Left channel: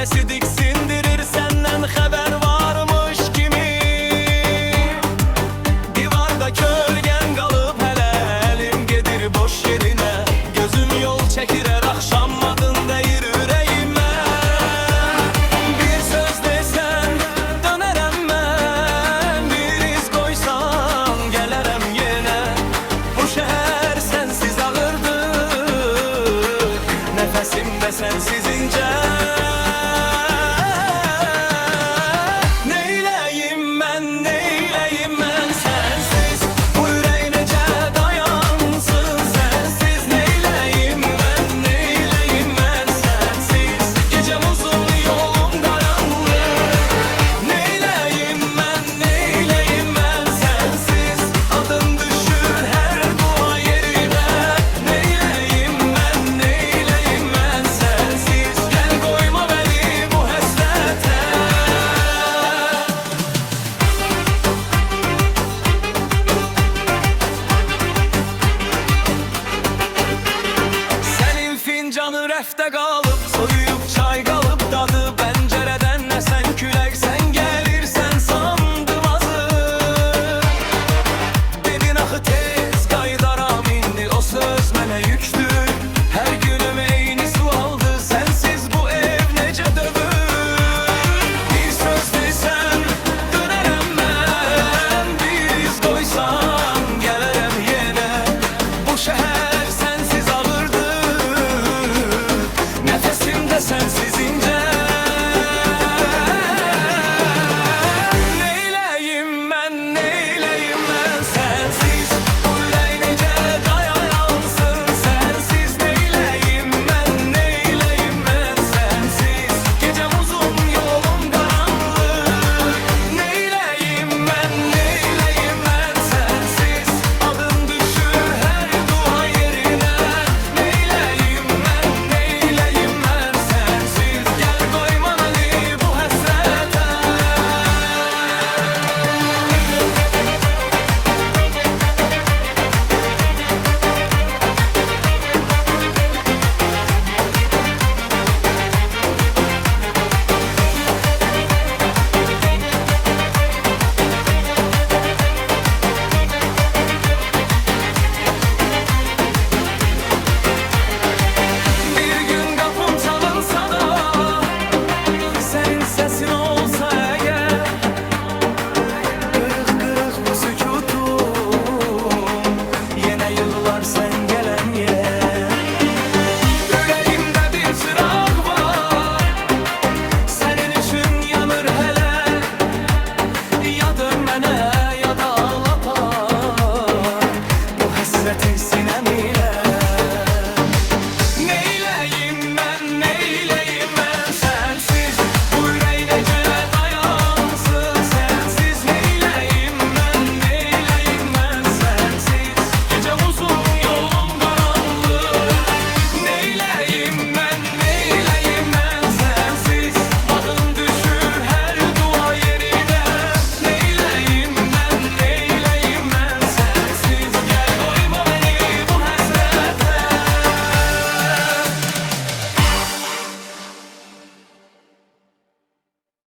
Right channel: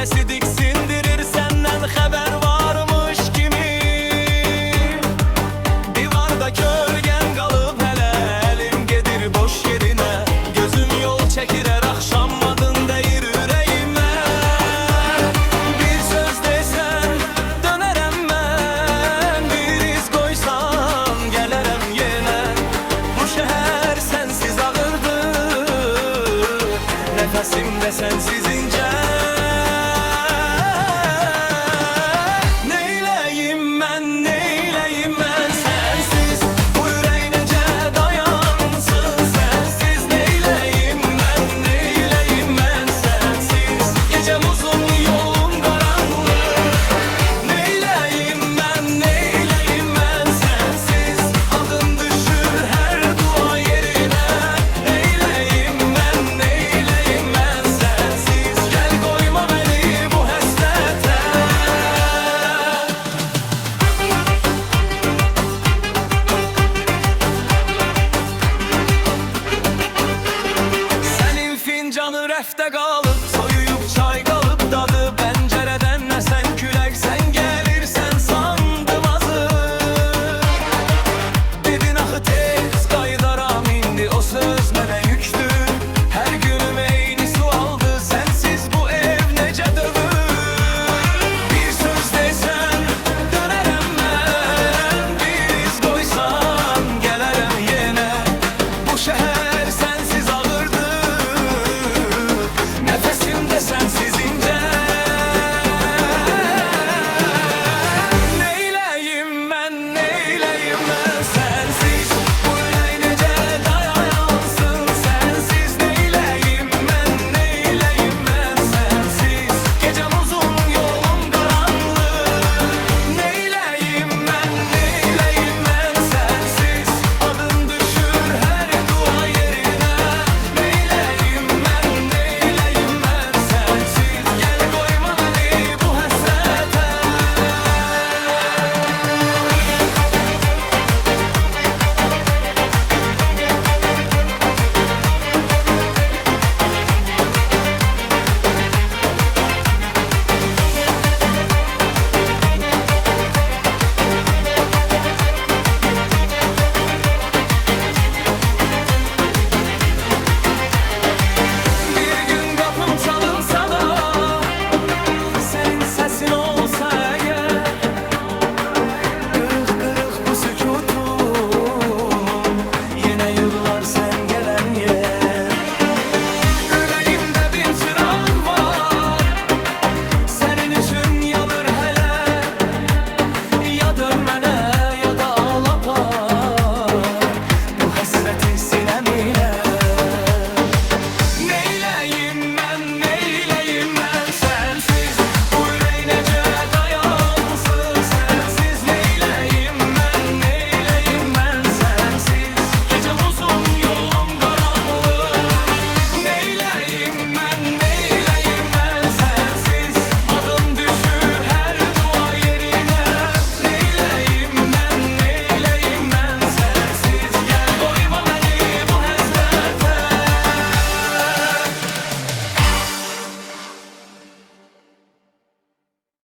sesi diksindirir, senden haber varmış kimi. Divarda kölgen kalıp hele elim gedir boş yerine. Gözüm yol çekir her akşam adın deyir yüreğime. Bir söz desen dönerem ben, bir iz koysan gelerem yine. Bu şehir sensiz ağırdı, nefesim de sensiz ince. Neyleyim ben, neyleyim ben sensiz? Bu yüreğin nece dayansın sensiz? Neyleyim ben, neyleyim ben sensiz? Gecem uzun, yolum karanlık. Neyleyim ben, neyleyim ben sensiz? Adım düşür her dua yerine. Neyleyim ben, neyleyim ben sensiz? Gel koyma beni bu hasrete. Senin fincanı refte kalıp, soyuyup çay kalıp tadı pencereden esen külek, sen gelirsen sandım azı. Dedin ahı tez qaydaram indi, o söz mənə yüktür. Her günüm eyni su aldı, sensiz bu ev nece dövür. Bir söz desen dönerem ben, bir iz koysan gelerem yine. Bu şehir sensiz ağırdı, nefesim de sensiz ince. Neyleyim ben, neyleyim ben sensiz? Bu yüreğin nece dayansın sensiz? Neyleyim ben, neyleyim ben sensiz? Gecem uzun, yolum karanlık. Neyleyim ben, neyleyim ben sensiz? Adın düşür her dua yerine. Neyleyim ben, neyleyim ben sensiz? Gel koyma beni bu hasrete. Bir gün kapım çalınsa da senin sesin olsa eğer, kırık kırık bu sükutum yine yığılar sen gelen yer. Yüreğimde bir çırak var, senin için yanır hele. Ya dönmene ya da ağlapar bu hasreti sinem ile.